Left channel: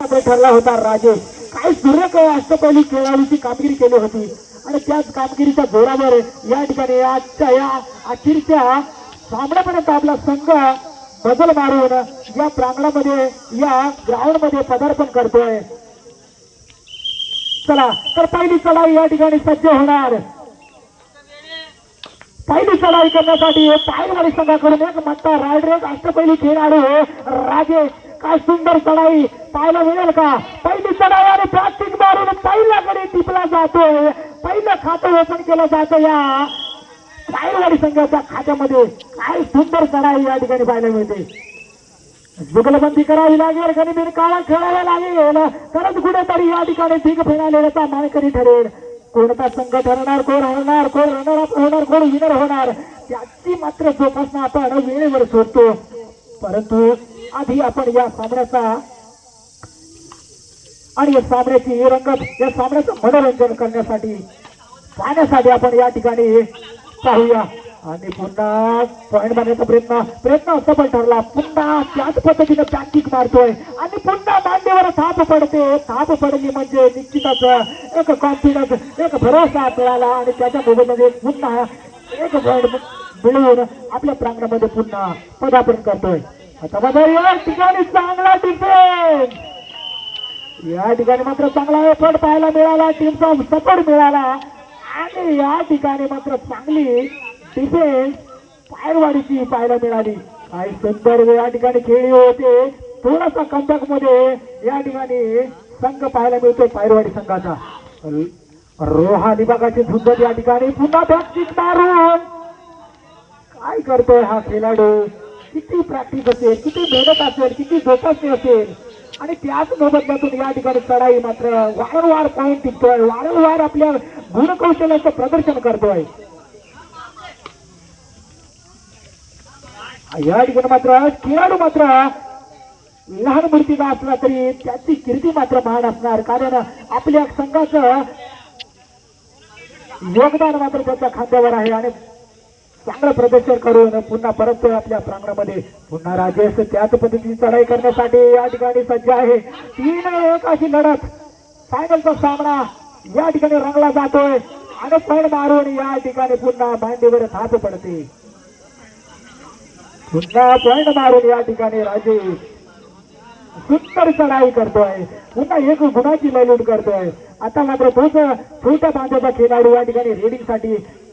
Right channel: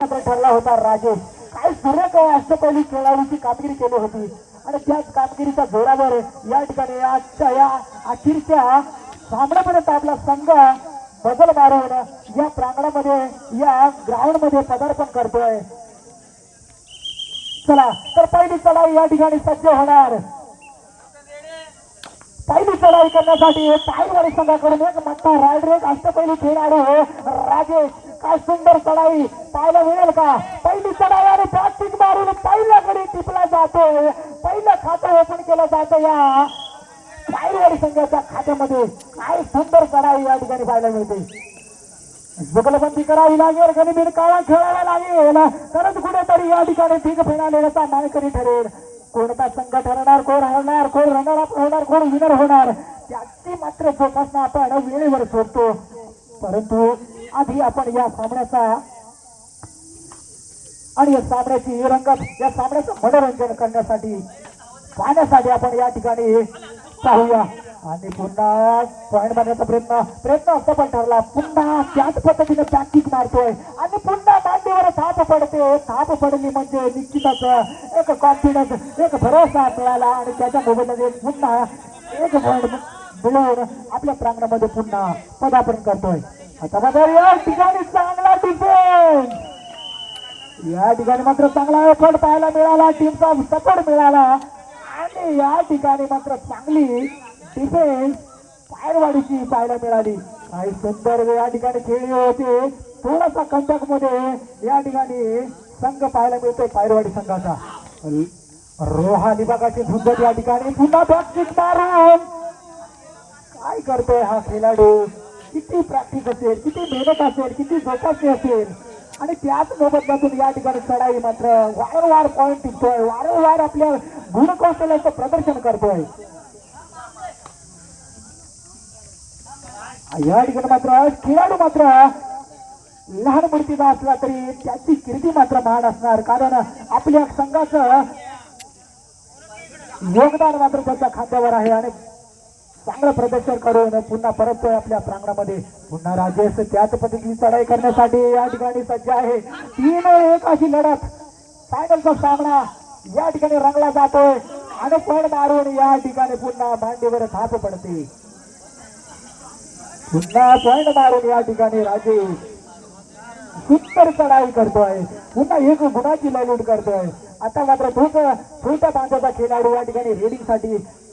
मात्र ठरला होता राजेश. काय सुरेख अष्टपैली खेळाडूची कामगिरी केली होती? आणि त्याच कामगिरीच्या जोरावर या ठिकाणी आजच्या या अखेरच्या सामन्यापर्यंत आपला संघ बदल मारून या प्रांगणामध्ये या ग्राउंडमध्ये पदार्पण करतोय. चला तर पहिली चढाई या ठिकाणी सज्ज होणार. पहिली चढाई करण्यासाठी पायलवाडी संघाकडून एक मत्ता. रायडर अष्टपैली खेळाडू राजेश. काय सुंदर चढाई पाहायला मिळेल का? पहिली चढाई आणि प्लास्टिक मारून पहिल्याकडे टिपला जातोय. पहिलं खातं ओपन केलं जातं या साईवाडी संघाच्या खात्यामध्ये. काय सुंदर चढाई या ठिकाणी पाहायला मिळते. जुगलबंदी करावी लागेल आणि बिनकावा खेळायला लागेल. तरच कुठेतरी या ठिकाणी भीक फेडालेल्याचा मानकरी ठरेल. कोणता संघ ठरणार कोण हरणार कोण रनर अप होणार कोण विनर होणार त्याची मात्र जोपासना आपण वेळेवर सोडतो. परंतु आधी आपण या सामन्याचा आणि या सामन्याची रंगत या सामन्याचं मनोरंजन करण्यासाठी पाहण्यासाठी आपण या ठिकाणी पाहूया. आणि पुन्हा पॉईंट मारण्याचा प्रयत्न प्रयत्न पण ठरला. पुन्हा त्याच पद्धतीने बॅकिंग मारतोय. आणि पुन्हा मांडीवर थाप पडते. थाप पडली म्हणजे निश्चितच एक कॉन्फिडन्स एक भरोसा मिळाला. आणि त्याच्या मोबाईलमध्ये पुन्हा एक पॉईंट मिळवून आपल्या प्रांगणामध्ये पुन्हा पदार्पण करतोय. या ठिकाणी चांगला डिफेन्स या ठिकाणी मात्र चांगला एफर्ट पाहायला मिळाला. टीमचा सपोर्ट मिळाला. आणि या ठिकाणी मात्र चांगली डिफेन्स पायरवाडीची पाहायला मिळाली. काही सुंदर या ठिकाणी खेळी होते. थोडासा कमबॅकमध्ये या ठिकाणी संघ पाहायला मिळतो पायरवाडी संघाचा. रोहा विभागाची झुंबत या ठिकाणी. पुन्हा भाग मारून. काय करतोय हा खेळाडू? किती प्रॅक्टिस असेल किती मेहनत असेल किती जोपासणी असेल. आणि त्याच मोबदल्यातून या ठिकाणी चढाई मात्र वारंवार पॉईंट टिपतोय वारंवार आपल्या गुणकौशल्याचं प्रदर्शन करतोय. या ठिकाणी मात्र खेळाडू मात्र लहान मूर्तीचा असला तरी त्याची कीर्ती मात्र महान असणार. कारण आपल्या संघाचं योगदान मात्र त्याच्या खात्यावर आहे आणि चांगलं प्रदर्शन करून पुन्हा परत आपल्या प्रांगणामध्ये पुन्हा राजेश त्याच पद्धतीने चढाई करण्यासाठी या ठिकाणी सज्ज आहे. तीन एक अशी लढत. फायनलचा सामना या ठिकाणी रंगला जातोय आणि पण मारून या ठिकाणी पुन्हा मांडीवर थाप पडते. पुन्हा पॉइंट मारून या ठिकाणी राजेश सुंदर चढाई करतोय. पुन्हा एक गुणाची ललूट करतोय. आता मात्र तोच छोट्या बांधवाचा खेळाडू या ठिकाणी रेडिंगसाठी